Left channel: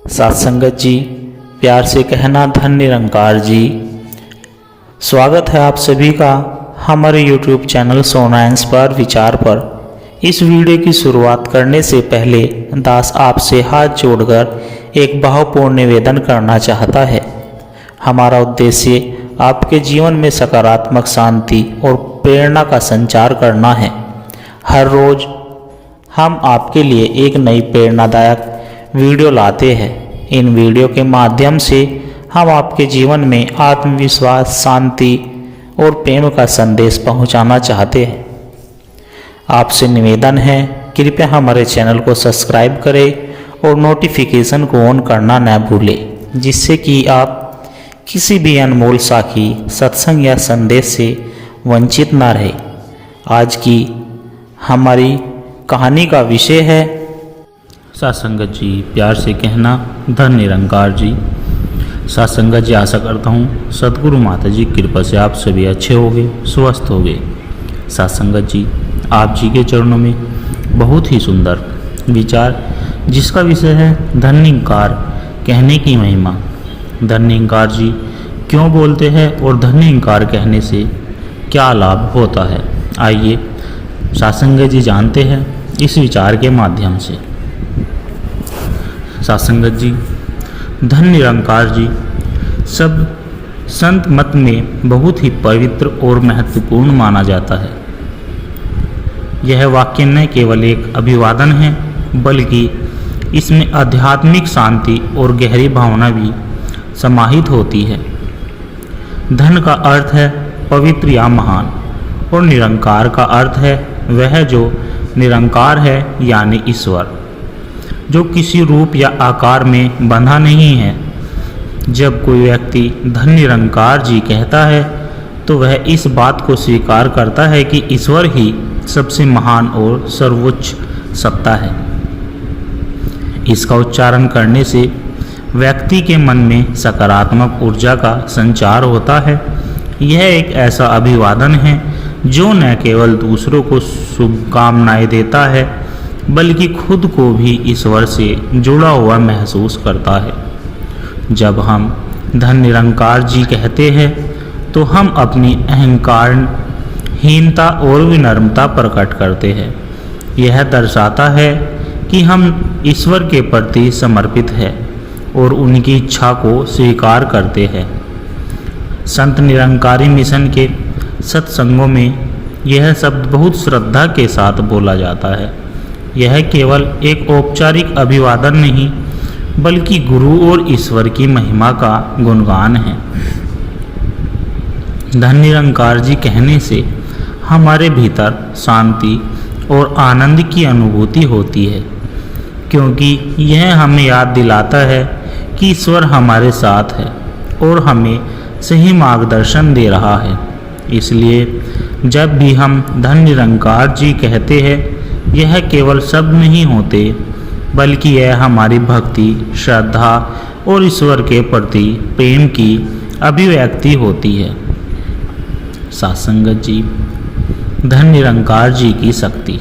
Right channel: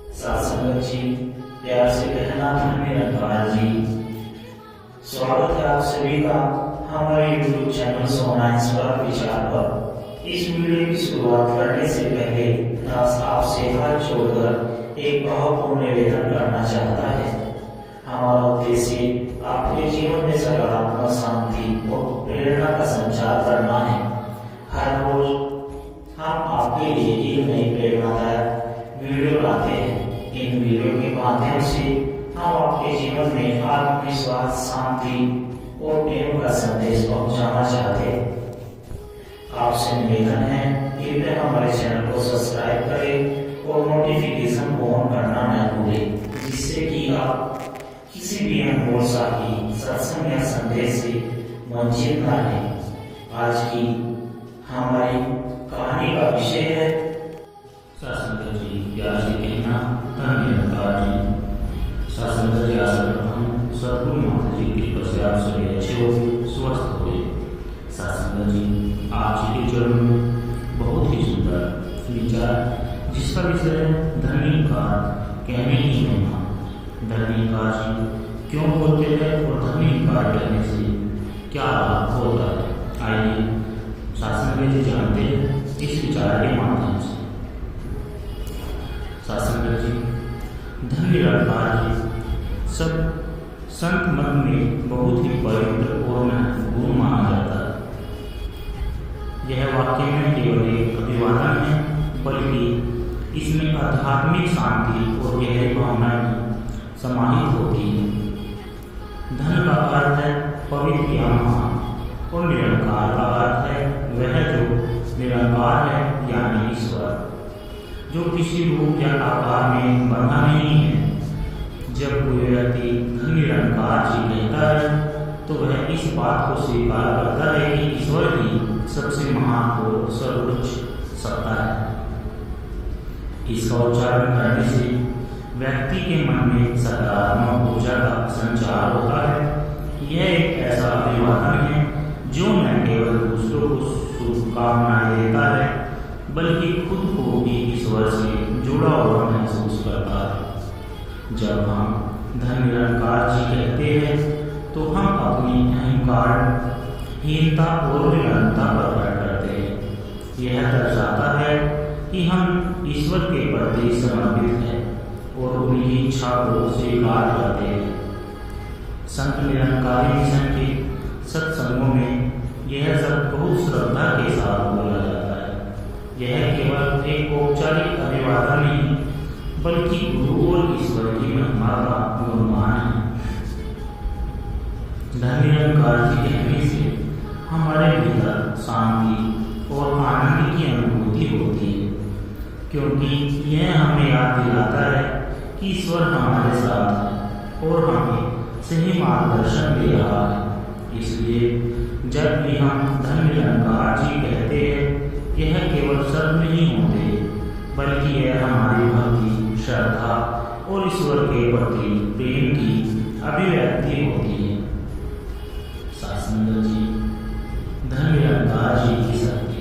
साथ संगत जी, प्यार से कहना धन निरंकार जी। स्वागत है आप सभी का हमारे YouTube चैनल सोना इंस्पायर विचार पर। इस वीडियो की शुरुआत करने से पहले दास आपसे हाथ जोड़कर एक भावपूर्ण निवेदन करना चाहता है। हमारा उद्देश्य आपके जीवन में सकारात्मक शांति और प्रेरणा का संचार करना है। हर रोज हम आपके लिए एक नई प्रेरणादायक वीडियो लाते हैं। इन वीडियो के माध्यम से हम आपके जीवन में आत्मविश्वास, शांति और प्रेम का संदेश पहुंचाना चाहते हैं। आपसे निवेदन है, कृपया हमारे चैनल को सब्सक्राइब करें और नोटिफिकेशन को ऑन करना न भूलें, जिससे कि आप किसी भी अनमोल साखी, सत्संग या संदेश से वंचित न रहे। आज की हमारी कहानी का विषय है सत्संगत जी, प्यार से कहना धन निरंकार जी। सत्संगत जी, आशा करता हूँ सदगुरु माता जी की कृपा से आप सभी अच्छे होंगे, स्वस्थ होंगे। सत्संगत जी, आप जी के चरणों में बहुत ही सुंदर विचार, जिसका विषय है धन निरंकार कहने की महिमा। धन निरंकार जी क्यों बोलते हैं और धन निरंकार कहने से क्या लाभ होता है, आइए सत्संगत जी जानते हैं इस विचार के माध्यम से। सत्संगत जी, धन निरंकार जी सब संत मत में बहुत ही पवित्र और महत्वपूर्ण माना जाता है। यह वाक्य न केवल एक अभिवादन है, बल्कि इसमें आध्यात्मिक शांति और गहरी भावना भी समाहित होती है। धन का अर्थ है पवित्र या महान, और निरंकार का अर्थ है वह जो निरंकार है, यानी ईश्वर, जो किसी रूप या आकार में बंधा नहीं है। जब कोई व्यक्ति धन निरंकार जी कहता है तो वह इस बात को स्वीकार करता है कि ईश्वर ही सबसे महान और सर्वोच्च सत्ता है। इसका उच्चारण करने से व्यक्ति के मन में सकारात्मक ऊर्जा का संचार होता है। यह एक ऐसा अभिवादन है जो न केवल दूसरों को शुभकामनाएं देता है, बल्कि खुद को भी ईश्वर से जुड़ा हुआ महसूस करता है। जब हम धन निरंकार जी कहते हैं तो हम अपनी अहंकार हीनता और विनम्रता प्रकट करते हैं। यह दर्शाता है कि हम ईश्वर के प्रति समर्पित हैं और उनकी इच्छा को स्वीकार करते हैं। संत निरंकारी मिशन के सत्संगों में यह शब्द बहुत श्रद्धा के साथ बोला जाता है। यह केवल एक औपचारिक अभिवादन नहीं, बल्कि गुरु और ईश्वर की महिमा का गुणगान है। धन निरंकार जी कहने से हमारे भीतर शांति और आनंद की अनुभूति होती है, क्योंकि यह हमें याद दिलाता है कि ईश्वर हमारे साथ है और हमें सही मार्गदर्शन दे रहा है। इसलिए जब भी हम धन निरंकार जी कहते हैं, यह केवल शब्द नहीं होते, बल्कि यह हमारी भक्ति, श्रद्धा और ईश्वर के प्रति प्रेम की अभिव्यक्ति होती है। सत्संगत जी, धन निरंकार जी की शक्ति।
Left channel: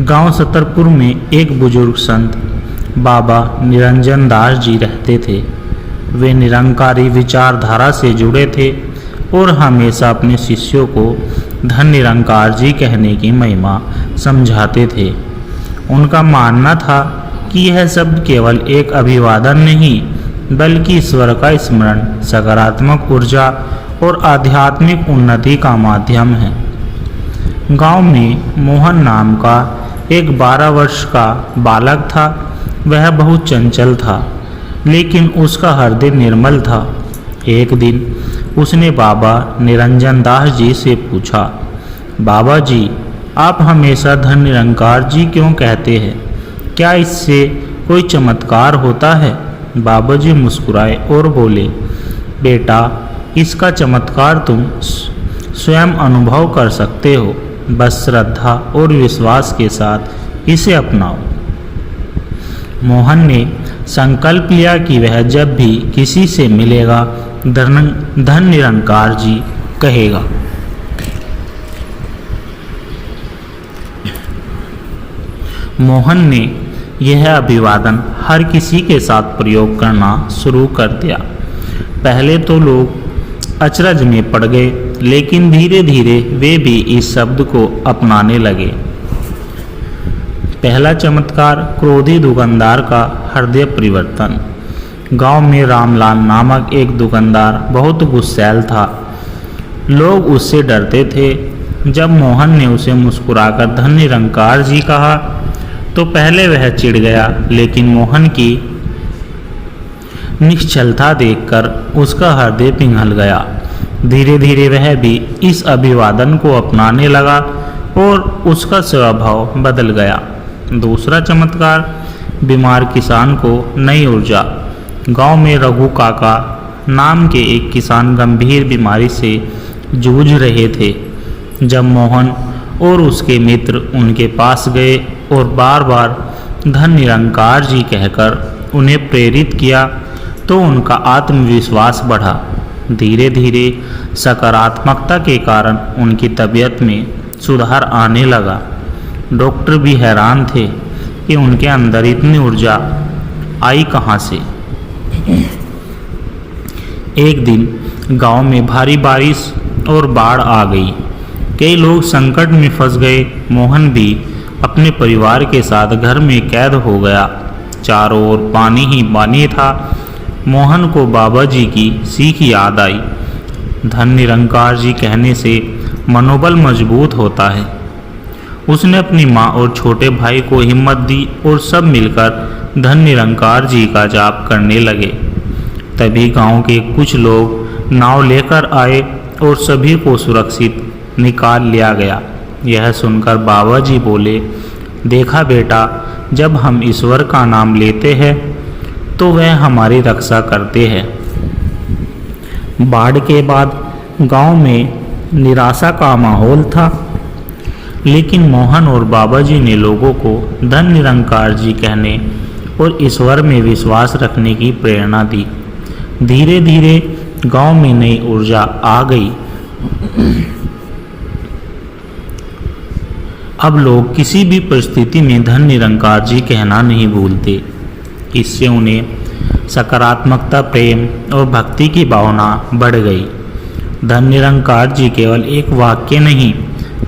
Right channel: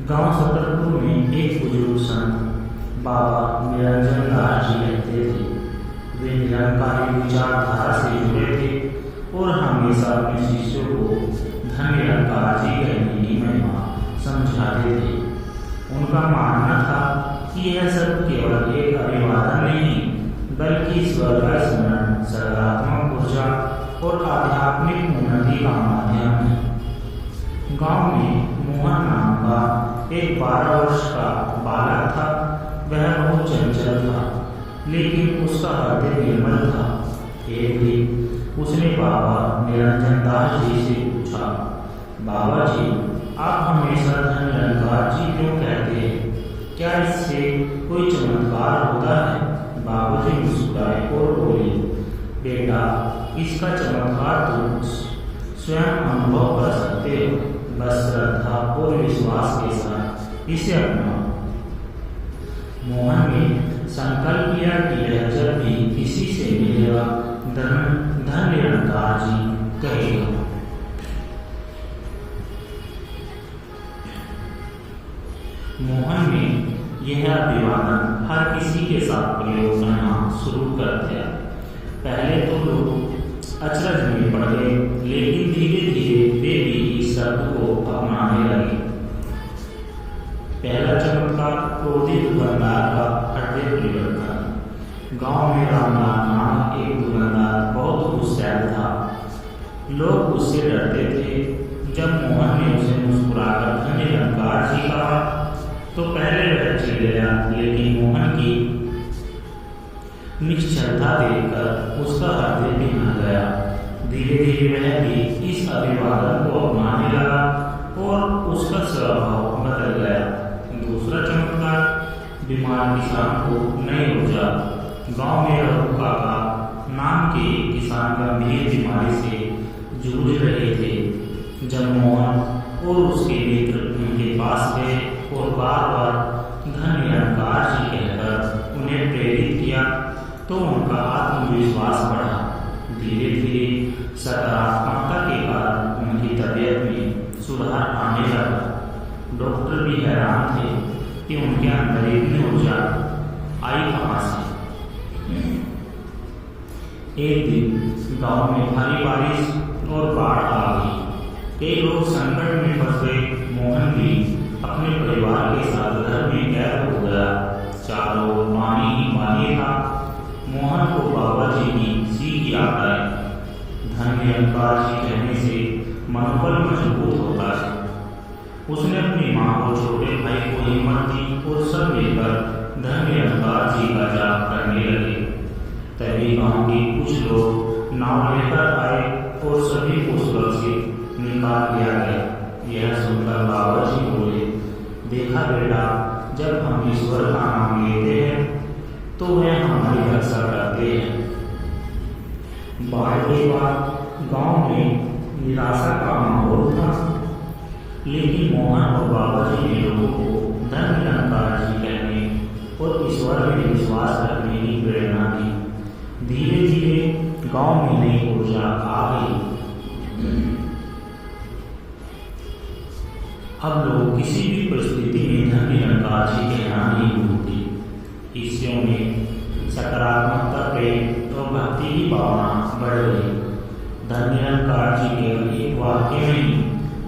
गांव सतरपुर में एक बुजुर्ग संत बाबा निरंजन दास जी रहते थे। वे निरंकारी विचारधारा से जुड़े थे और हमेशा अपने शिष्यों को धन निरंकार जी कहने की महिमा समझाते थे। उनका मानना था कि यह शब्द केवल एक अभिवादन नहीं, बल्कि ईश्वर का स्मरण, सकारात्मक ऊर्जा और आध्यात्मिक उन्नति का माध्यम है। गांव में मोहन नाम का एक 12 वर्ष का बालक था। वह बहुत चंचल था, लेकिन उसका हृदय निर्मल था। एक दिन उसने बाबा निरंजन दास जी से पूछा, बाबा जी, आप हमेशा धन निरंकार जी क्यों कहते हैं? क्या इससे कोई चमत्कार होता है? बाबा जी मुस्कुराए और बोले, बेटा, इसका चमत्कार तुम स्वयं अनुभव कर सकते हो। बस श्रद्धा और विश्वास के साथ इसे अपनाओ। मोहन ने संकल्प लिया कि वह जब भी किसी से मिलेगा धन निरंकार जी कहेगा। मोहन ने यह अभिवादन हर किसी के साथ प्रयोग करना शुरू कर दिया। पहले तो लोग अचरज में पड़ गए, लेकिन धीरे धीरे वे भी इस शब्द को अपनाने लगे। पहला चमत्कार, क्रोधी दुकानदार का हृदय परिवर्तन। गांव में रामलाल नामक एक दुकानदार बहुत गुस्सैल था। लोग उससे डरते थे। जब मोहन ने उसे मुस्कुराकर धन निरंकार जी कहा तो पहले वह चिढ़ गया, लेकिन मोहन की निश्चलता देखकर उसका हृदय पिघल गया। धीरे धीरे वह भी इस अभिवादन को अपनाने लगा और उसका स्वभाव बदल गया। दूसरा चमत्कार, बीमार किसान को नई ऊर्जा। गांव में रघु काका नाम के एक किसान गंभीर बीमारी से जूझ रहे थे। जब मोहन और उसके मित्र उनके पास गए और बार बार धन निरंकार जी कहकर उन्हें प्रेरित किया तो उनका आत्मविश्वास बढ़ा। धीरे धीरे सकारात्मकता के कारण उनकी तबीयत में सुधार आने लगा। डॉक्टर भी हैरान थे कि उनके अंदर इतनी ऊर्जा आई कहाँ से। एक दिन गांव में भारी बारिश और बाढ़ आ गई। कई लोग संकट में फंस गए। मोहन भी अपने परिवार के साथ घर में कैद हो गया। चारों ओर पानी ही पानी था। मोहन को बाबा जी की सीख याद आई। धन निरंकार जी कहने से मनोबल मजबूत होता है। उसने अपनी माँ और छोटे भाई को हिम्मत दी और सब मिलकर धन निरंकार जी का जाप करने लगे। तभी गांव के कुछ लोग नाव लेकर आए और सभी को सुरक्षित निकाल लिया गया। यह सुनकर बाबा जी बोले, देखा बेटा, जब हम ईश्वर का नाम लेते हैं तो वह हमारी रक्षा करते हैं। बाढ़ के बाद गांव में निराशा का माहौल था, लेकिन मोहन और बाबा जी ने लोगों को धन निरंकार जी कहने और ईश्वर में विश्वास रखने की प्रेरणा दी। धीरे धीरे गांव में नई ऊर्जा आ गई। अब लोग किसी भी परिस्थिति में धन निरंकार जी कहना नहीं भूलते। इससे उन्हें सकारात्मकता, प्रेम और भक्ति की भावना बढ़ गई। धन निरंकार जी केवल एक वाक्य नहीं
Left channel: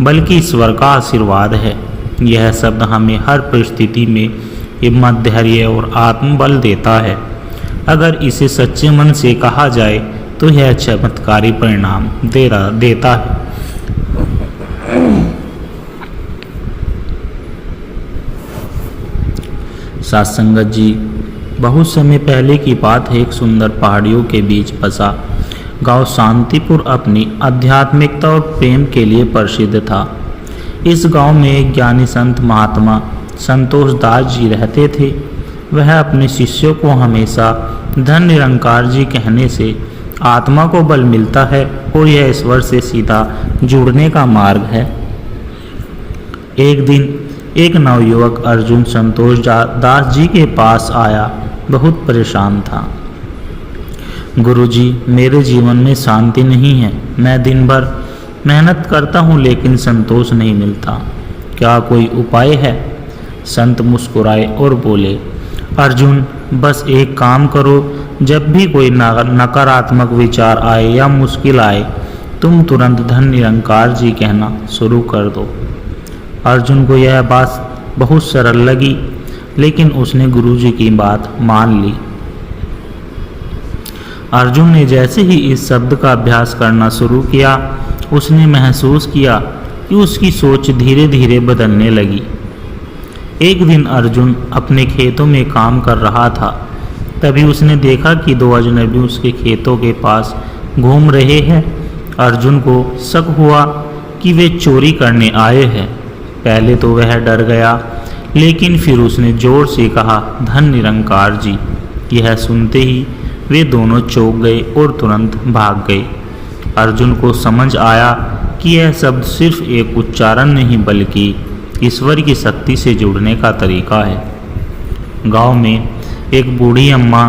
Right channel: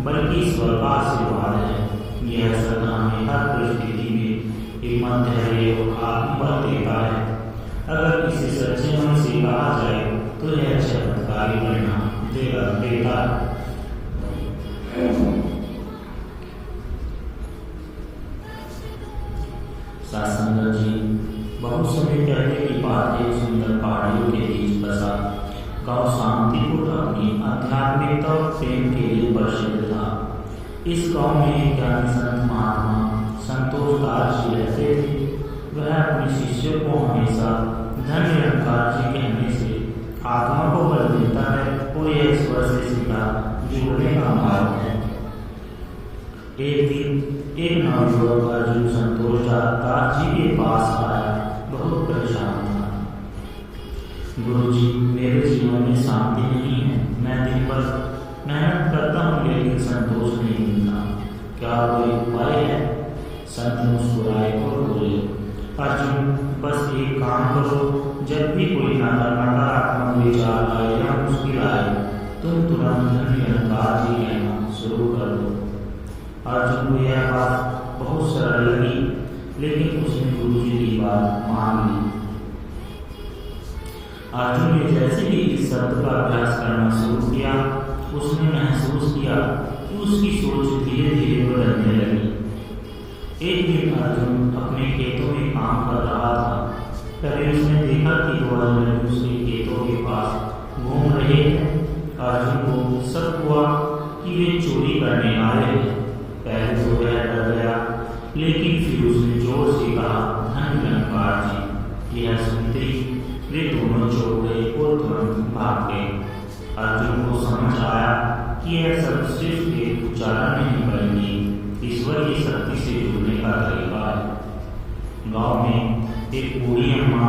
बल्कि ईश्वर का आशीर्वाद है। यह शब्द हमें हर परिस्थिति में हिम्मत, धैर्य और आत्मबल देता है। अगर इसे सच्चे मन से कहा जाए तो यह चमत्कारी परिणाम देता है। साथ संगत जी, बहुत समय पहले की बात है। एक सुंदर पहाड़ियों के बीच बसा गांव शांतिपुर अपनी आध्यात्मिकता और प्रेम के लिए प्रसिद्ध था। इस गांव में एक ज्ञानी संत महात्मा संतोष दास जी रहते थे। वह अपने शिष्यों को हमेशा धन निरंकार जी कहने से आत्मा को बल मिलता है और यह ईश्वर से सीधा जुड़ने का मार्ग है। एक दिन एक नवयुवक अर्जुन संतोष दास जी के पास आया। बहुत परेशान था। गुरुजी, मेरे जीवन में शांति नहीं है। मैं दिन भर मेहनत करता हूँ लेकिन संतोष नहीं मिलता। क्या कोई उपाय है? संत मुस्कुराए और बोले, अर्जुन, बस एक काम करो। जब भी कोई नकारात्मक विचार आए या मुश्किल आए, तुम तुरंत धन निरंकार जी कहना शुरू कर दो। अर्जुन को यह बात बहुत सरल लगी, लेकिन उसने गुरुजी की बात मान ली। अर्जुन ने जैसे ही इस शब्द का अभ्यास करना शुरू किया, उसने महसूस किया कि उसकी सोच धीरे धीरे बदलने लगी। एक दिन अर्जुन अपने खेतों में काम कर रहा था। तभी उसने देखा कि दो अजनबी उसके खेतों के पास घूम रहे हैं। अर्जुन को शक हुआ कि वे चोरी करने आए हैं। पहले तो वह डर गया, लेकिन फिर उसने जोर से कहा, धन निरंकार जी। यह सुनते ही वे दोनों चौंक गए और तुरंत भाग गए। अर्जुन को समझ आया कि यह शब्द सिर्फ एक उच्चारण नहीं बल्कि ईश्वर की शक्ति से जुड़ने का तरीका है। गांव में एक बूढ़ी अम्मा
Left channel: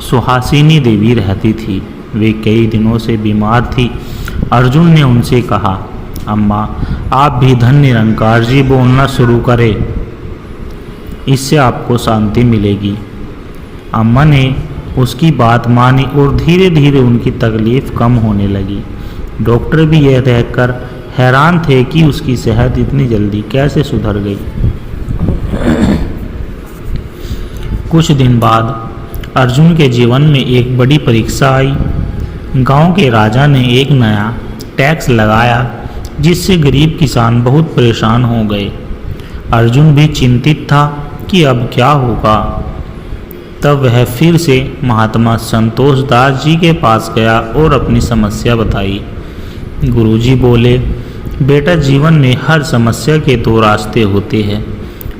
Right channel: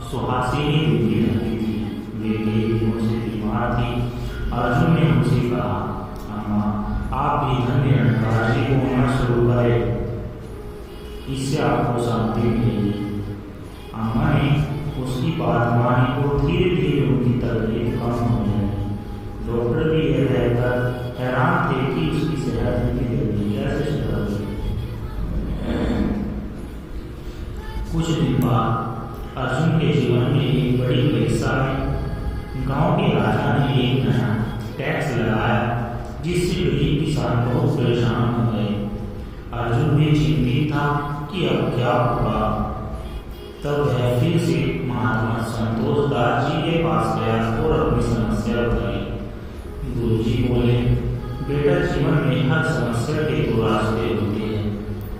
सुहासिनी देवी रहती थी। वे कई दिनों से बीमार थी। अर्जुन ने उनसे कहा, अम्मा, आप भी धन निरंकार जी बोलना शुरू करें। इससे आपको शांति मिलेगी। अम्मा ने उसकी बात मानी और धीरे धीरे उनकी तकलीफ कम होने लगी। डॉक्टर भी यह देखकर हैरान थे कि उसकी सेहत इतनी जल्दी कैसे सुधर गई। कुछ दिन बाद अर्जुन के जीवन में एक बड़ी परीक्षा आई। गांव के राजा ने एक नया टैक्स लगाया जिससे गरीब किसान बहुत परेशान हो गए। अर्जुन भी चिंतित था कि अब क्या होगा। तब वह फिर से महात्मा संतोष दास जी के पास गया और अपनी समस्या बताई। गुरुजी बोले, बेटा, जीवन में हर समस्या के दो रास्ते होते हैं,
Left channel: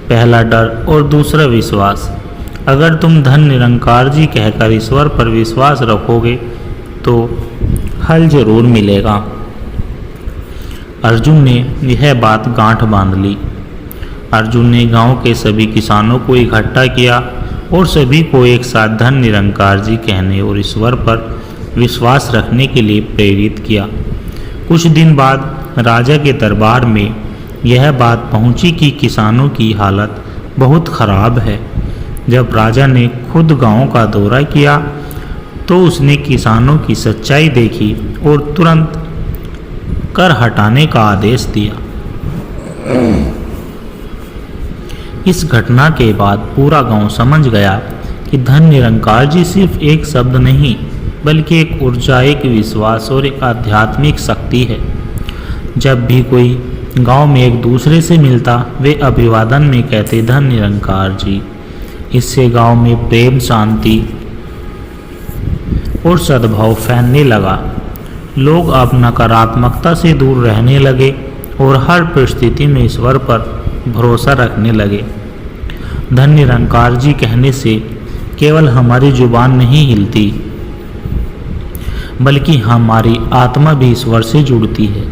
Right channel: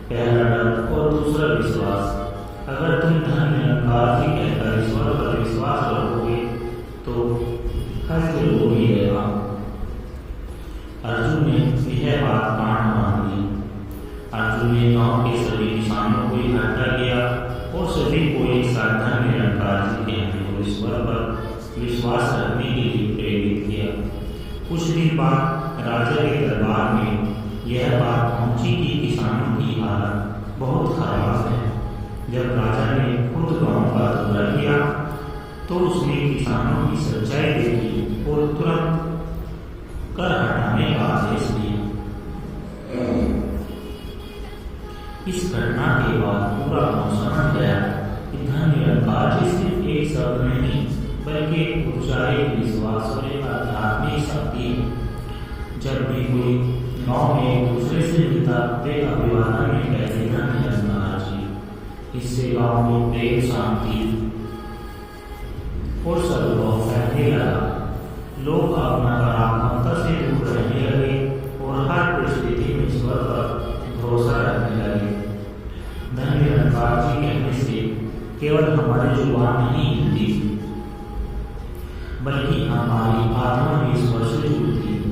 पहला डर और दूसरा विश्वास। अगर तुम धन निरंकार जी कहकर ईश्वर पर विश्वास रखोगे तो हल जरूर मिलेगा। अर्जुन ने यह बात गांठ बांध ली। अर्जुन ने गांव के सभी किसानों को इकट्ठा किया और सभी को एक साथ धन निरंकार जी कहने और ईश्वर पर विश्वास रखने के लिए प्रेरित किया। कुछ दिन बाद राजा के दरबार में यह बात पहुंची कि किसानों की हालत बहुत खराब है। जब राजा ने खुद गांव का दौरा किया तो उसने किसानों की सच्चाई देखी और तुरंत कर हटाने का आदेश दिया। इस घटना के बाद पूरा गांव समझ गया कि धन निरंकार जी सिर्फ एक शब्द नहीं बल्कि एक ऊर्जा, एक विश्वास और एक आध्यात्मिक शक्ति है। जब भी कोई गांव में एक दूसरे से मिलता वे अभिवादन में कहते, धन निरंकार जी। इससे गांव में प्रेम, शांति और सद्भाव फैलने लगा। लोग अब नकारात्मकता से दूर रहने लगे और हर परिस्थिति में ईश्वर पर भरोसा रखने लगे। धन निरंकार जी कहने से केवल हमारी जुबान नहीं हिलती बल्कि हमारी आत्मा भी ईश्वर से जुड़ती है।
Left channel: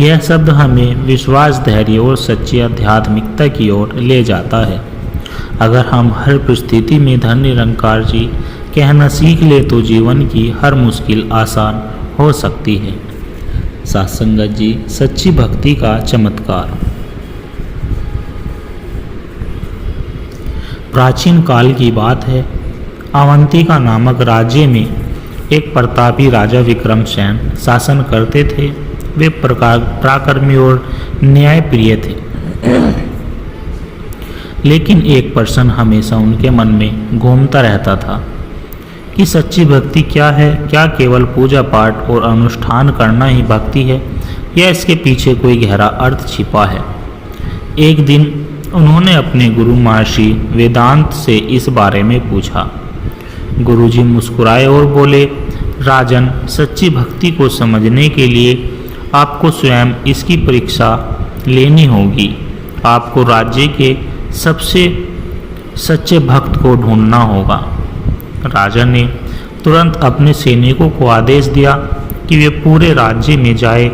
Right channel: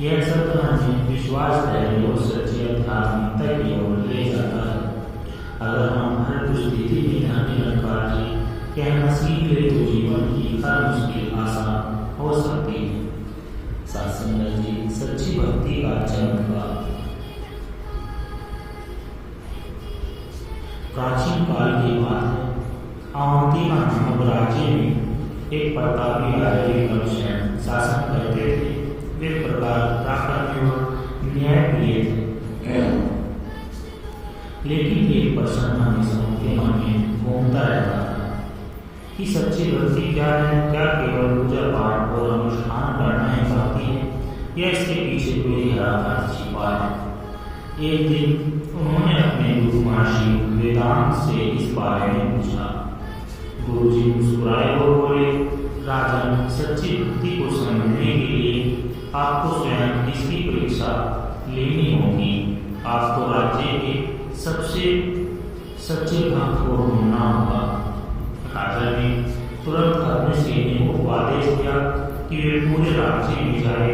यह शब्द हमें विश्वास, धैर्य और सच्ची आध्यात्मिकता की ओर ले जाता है। अगर हम हर परिस्थिति में धन निरंकार जी कहना सीख ले तो जीवन की हर मुश्किल आसान हो सकती है। सत्संगत जी, सच्ची भक्ति का चमत्कार। प्राचीन काल की बात है। अवंतिका नामक राज्य में एक प्रतापी राजा विक्रमसेन शासन करते थे। वे पराक्रमी और न्यायप्रिय थे, लेकिन एक प्रश्न हमेशा उनके मन में घूमता रहता था कि सच्ची भक्ति क्या है। क्या केवल पूजा पाठ और अनुष्ठान करना ही भक्ति है या इसके पीछे कोई गहरा अर्थ छिपा है। एक दिन उन्होंने अपने गुरु महर्षि वेदांत से इस बारे में पूछा। गुरुजी मुस्कुराए और बोले, राजन, सच्ची भक्ति को समझने के लिए आपको स्वयं इसकी परीक्षा लेनी होगी। आपको राज्य के सबसे सच्चे भक्त को ढूंढना होगा। राजा ने तुरंत अपने सैनिकों को आदेश दिया कि वे पूरे राज्य में जाए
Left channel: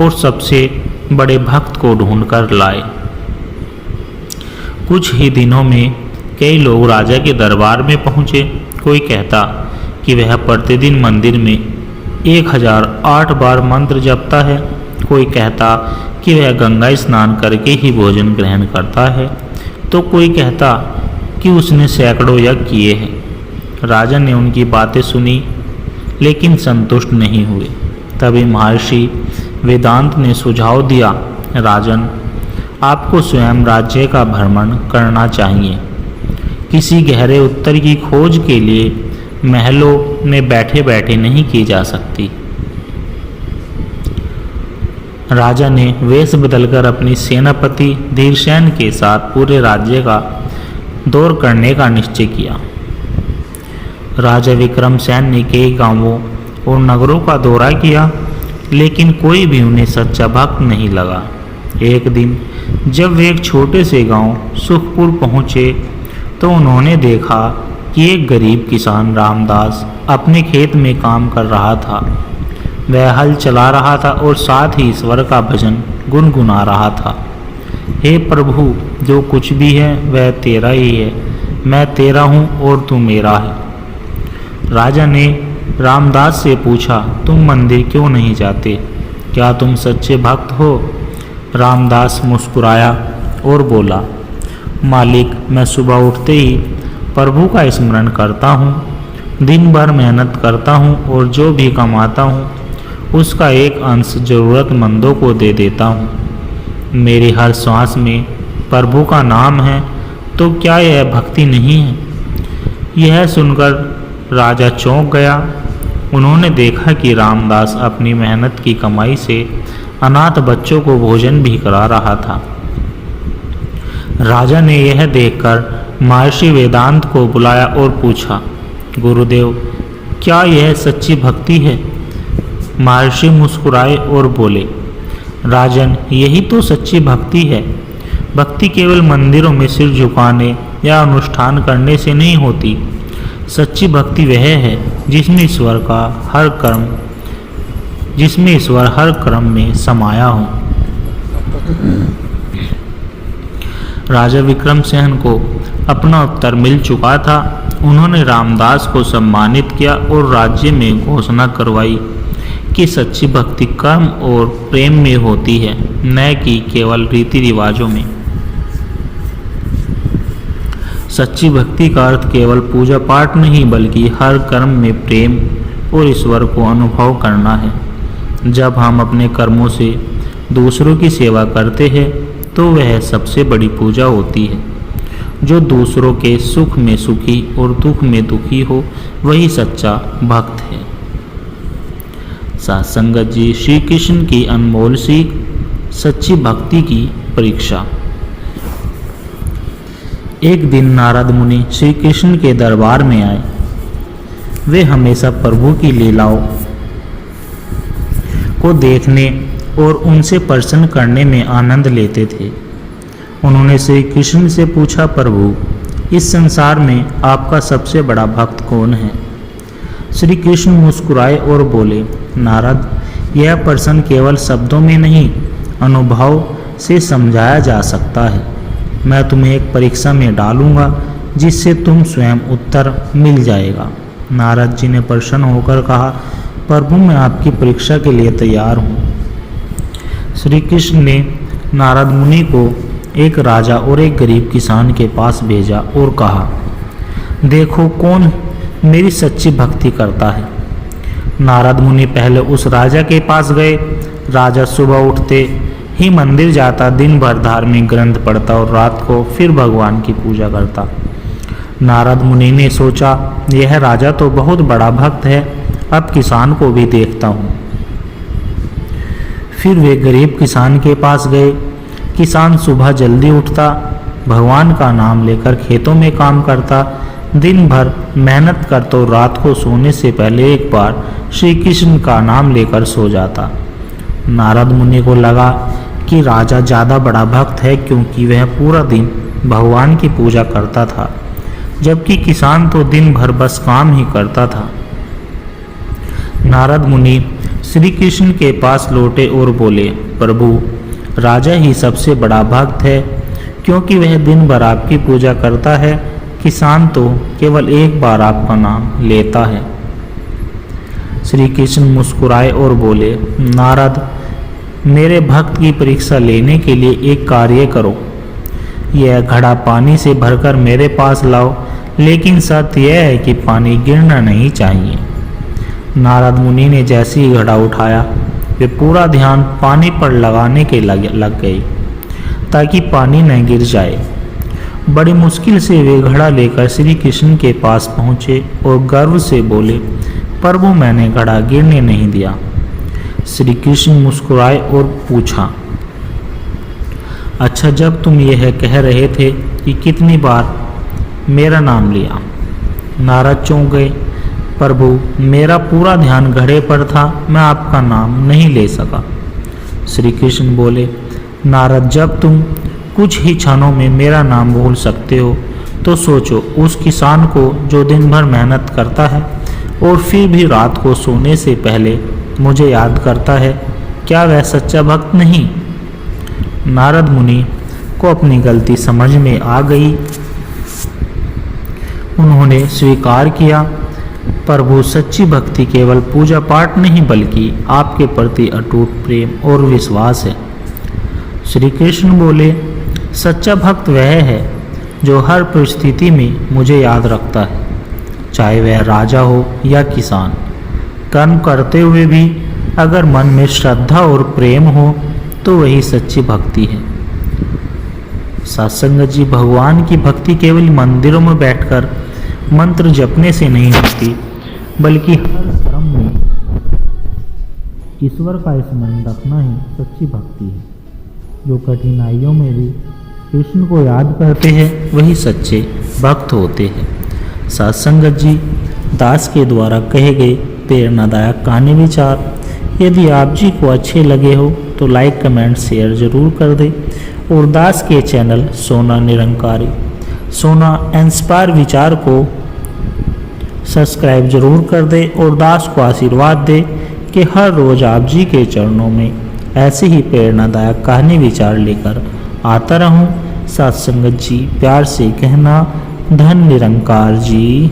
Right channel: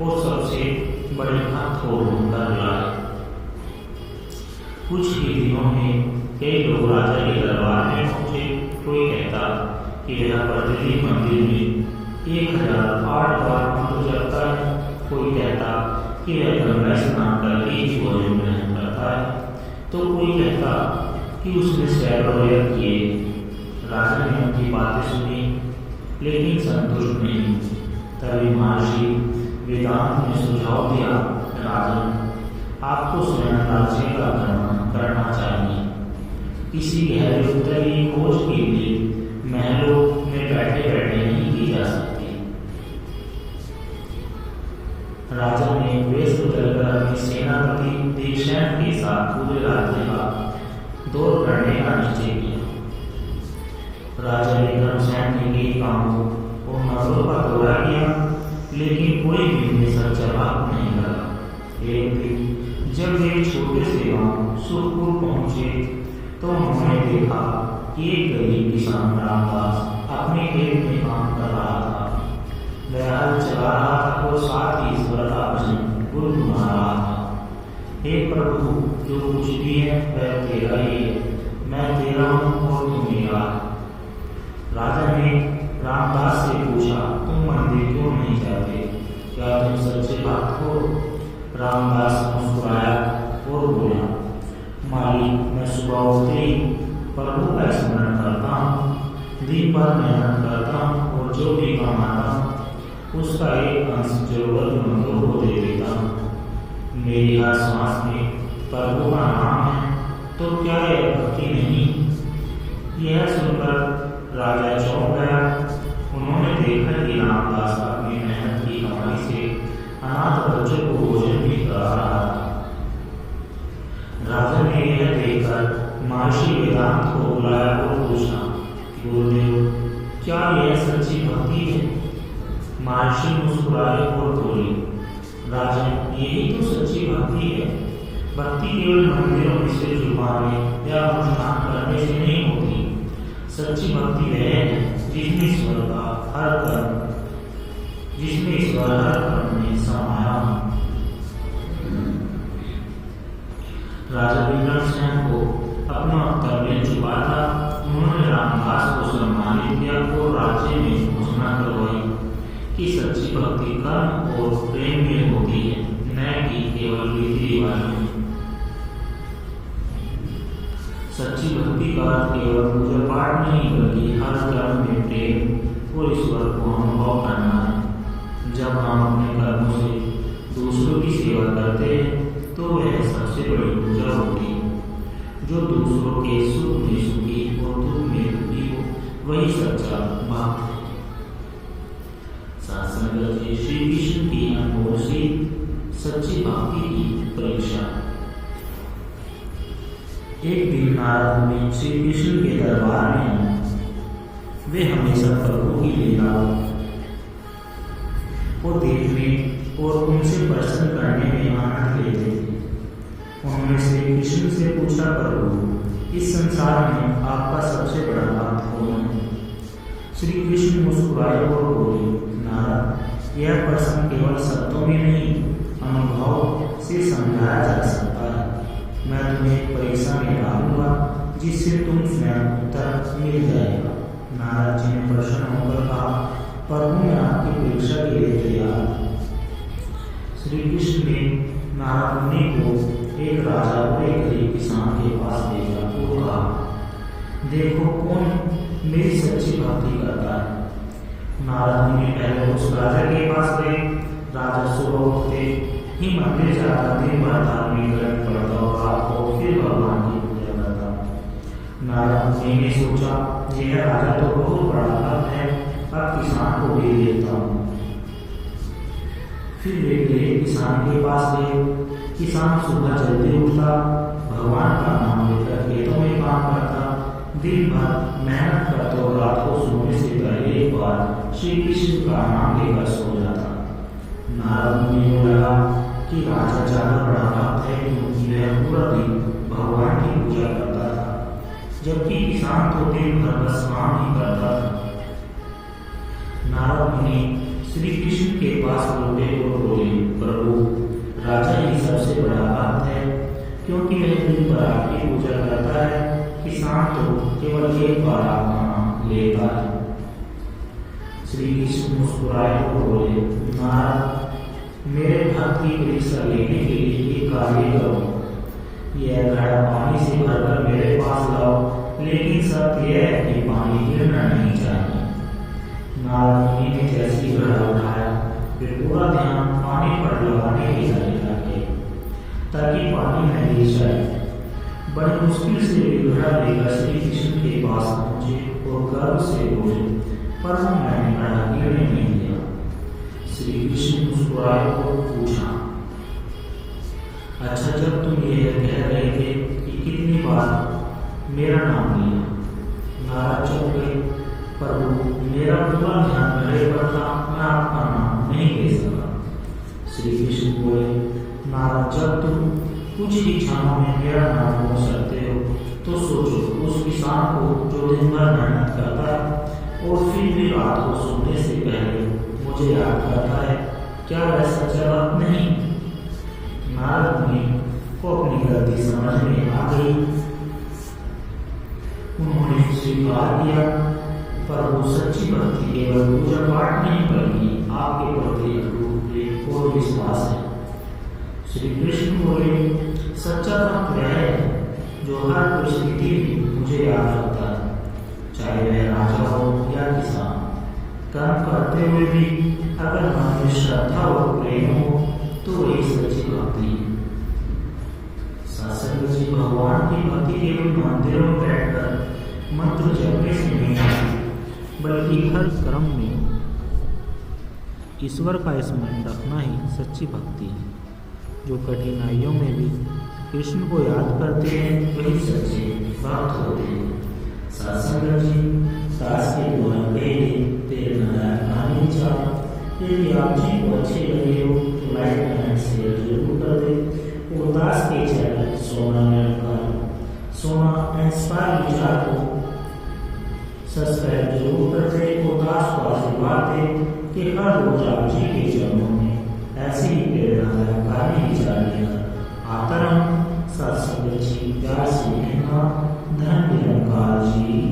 और सबसे बड़े भक्त को ढूंढकर लाए। कुछ ही दिनों में कई लोग राजा के दरबार में पहुँचे। कोई कहता कि वह प्रतिदिन मंदिर में 1008 बार मंत्र जपता है। कोई कहता कि वह गंगा स्नान करके ही भोजन ग्रहण करता है, तो कोई कहता कि उसने सैकड़ों यज्ञ किए हैं। राजा ने उनकी बातें सुनी लेकिन संतुष्ट नहीं हुए। तभी महर्षि वेदांत ने सुझाव दिया, राजन, आपको स्वयं राज्य का भ्रमण करना चाहिए। किसी गहरे उत्तर की खोज के लिए महलों में बैठे बैठे नहीं की जा सकती। राजा ने वेश बदलकर अपनी सेनापति धीरसेन के साथ पूरे राज्य का दौर करने का निश्चय किया। राजा विक्रमसेन ने कई गांवों और नगरों का दौरा किया, लेकिन कोई भी उन्हें सच्चा भक्त नहीं लगा। एक दिन जब वे एक छोटे से गांव सुखपुर पहुँचे तो उन्होंने देखा कि एक गरीब किसान रामदास अपने खेत में काम कर रहा था। वह हल चला रहा था और साथ ही ईश्वर का भजन गुनगुना रहा था। हे प्रभु, जो कुछ भी है वह तेरा ही है, मैं तेरा हूँ और तू मेरा है। राजा ने रामदास से पूछा, तुम मंदिर क्यों नहीं जाते? क्या तुम सच्चे भक्त हो? रामदास मुस्कुराया और बोला, मालिक, मैं सुबह उठते ही प्रभु का स्मरण करता हूँ, दिन भर मेहनत करता हूँ और जो भी कमाता हूँ उसका एक अंश ज़रूरतमंदों को दे देता हूँ। मेरी हर श्वास में प्रभु का नाम है, तो क्या यह भक्ति नहीं है? यह सुनकर राजा चौंक गया। उन्होंने देखा कि रामदास अपनी मेहनत की कमाई से अनाथ बच्चों को भोजन भी करा रहा था। राजा ने यह देखकर महर्षि वेदांत को बुलाया और पूछा, गुरुदेव, क्या यह सच्ची भक्ति है? महर्षि मुस्कुराए और बोले, राजन, यही तो सच्ची भक्ति है। भक्ति केवल मंदिरों में सिर झुकाने या अनुष्ठान करने से नहीं होती। सच्ची भक्ति वह है जिसमें ईश्वर हर कर्म में समाया हो। राजा विक्रमसेन को अपना उत्तर मिल चुका था। उन्होंने रामदास को सम्मानित किया और राज्य में घोषणा करवाई कि सच्ची भक्ति कर्म और प्रेम में होती है, न कि केवल रीति रिवाजों में। सच्ची भक्ति का अर्थ केवल पूजा पाठ नहीं, बल्कि हर कर्म में प्रेम और ईश्वर को अनुभव करना है। जब हम अपने कर्मों से दूसरों की सेवा करते हैं तो वह सबसे बड़ी पूजा होती है। जो दूसरों के सुख में सुखी और दुख में दुखी हो, वही सच्चा भक्त है। साथ संगत जी, श्री कृष्ण की अनमोल सीख, सच्ची भक्ति की परीक्षा। एक दिन नारद मुनि श्री कृष्ण के दरबार में आए। वे हमेशा प्रभु की लीलाओं को देखने और उनसे प्रसन्न करने में आनंद लेते थे। उन्होंने श्री कृष्ण से पूछा, प्रभु, इस संसार में आपका सबसे बड़ा भक्त कौन है? श्री कृष्ण मुस्कुराए और बोले, नारद, यह प्रश्न केवल शब्दों में नहीं, अनुभव से समझाया जा सकता है। मैं तुम्हें एक परीक्षा में डालूंगा जिससे तुम स्वयं उत्तर मिल जाएगा। नारद जी ने प्रसन्न होकर कहा, प्रभु, मैं आपकी परीक्षा के लिए तैयार हूँ। श्री कृष्ण ने नारद मुनि को एक राजा और एक गरीब किसान के पास भेजा और कहा, देखो कौन मेरी सच्ची भक्ति करता है। नारद मुनि पहले उस राजा के पास गए। राजा सुबह उठते ही मंदिर जाता, दिन भर धार्मिक ग्रंथ पढ़ता और रात को फिर भगवान की पूजा करता। नारद मुनि ने सोचा, यह राजा तो बहुत बड़ा भक्त है, अब किसान को भी देखता हूँ। फिर वे गरीब किसान के पास गए। किसान सुबह जल्दी उठता, भगवान का नाम लेकर खेतों में काम करता, दिन भर मेहनत करता और रात को सोने से पहले एक बार श्री कृष्ण का नाम लेकर सो जाता। नारद मुनि को लगा कि राजा ज़्यादा बड़ा भक्त है, क्योंकि वह पूरा दिन भगवान की पूजा करता था, जबकि किसान तो दिन भर बस काम ही करता था। नारद मुनि श्री कृष्ण के पास लौटे और बोले, प्रभु, राजा ही सबसे बड़ा भक्त है, क्योंकि वह दिन भर आपकी पूजा करता है। किसान तो केवल एक बार आपका नाम लेता है। श्री कृष्ण मुस्कुराए और बोले, नारद, मेरे भक्त की परीक्षा लेने के लिए एक कार्य करो। यह घड़ा पानी से भरकर मेरे पास लाओ, लेकिन शर्त यह है कि पानी गिरना नहीं चाहिए। नारद मुनि ने जैसे ही घड़ा उठाया, वे पूरा ध्यान पानी पर लगाने के लग गए ताकि पानी न गिर जाए। बड़ी मुश्किल से वे घड़ा लेकर श्री कृष्ण के पास पहुँचे और गर्व से बोले, प्रभु, मैंने घड़ा गिरने नहीं दिया। श्री कृष्ण मुस्कुराए और पूछा, अच्छा, जब तुम यह कह रहे थे कि कितनी बार मेरा नाम लिया? नारद चौंक गए। प्रभु, मेरा पूरा ध्यान घड़े पर था, मैं आपका नाम नहीं ले सका। श्री कृष्ण बोले, नारद, जब तुम कुछ ही क्षणों में मेरा नाम बोल सकते हो तो सोचो, उस किसान को जो दिन भर मेहनत करता है और फिर भी रात को सोने से पहले मुझे याद करता है, क्या वह सच्चा भक्त नहीं? नारद मुनि को अपनी गलती समझ में आ गई। उन्होंने स्वीकार किया, प्रभु, सच्ची भक्ति केवल पूजा पाठ नहीं, बल्कि आपके प्रति अटूट प्रेम और विश्वास है। श्री कृष्ण बोले, सच्चा भक्त वह है जो हर परिस्थिति में मुझे याद रखता है, चाहे वह राजा हो या किसान। कर्म करते हुए भी अगर मन में श्रद्धा और प्रेम हो तो वही सच्ची भक्ति है। सत्संगत जी, भगवान की भक्ति केवल मंदिरों में बैठकर मंत्र जपने से नहीं होती, बल्कि हर कर्म में ईश्वर का स्मरण रखना ही सच्ची भक्ति है। जो कठिनाइयों में भी कृष्ण को याद करते हैं वही सच्चे भक्त होते हैं। सत्संगत जी, दास के द्वारा कहे गए प्रेरणादायक कहानी विचार यदि आप जी को अच्छे लगे हो तो लाइक कमेंट शेयर ज़रूर कर दें और दास के चैनल सोना निरंकारी, सोना इंस्पायर विचार को सब्सक्राइब जरूर कर दें और दास को आशीर्वाद दें कि हर रोज़ आप जी के चरणों में ऐसे ही प्रेरणादायक कहानी विचार लेकर आता रहूं। सत्संगत जी, प्यार से कहना, धन निरंकार जी।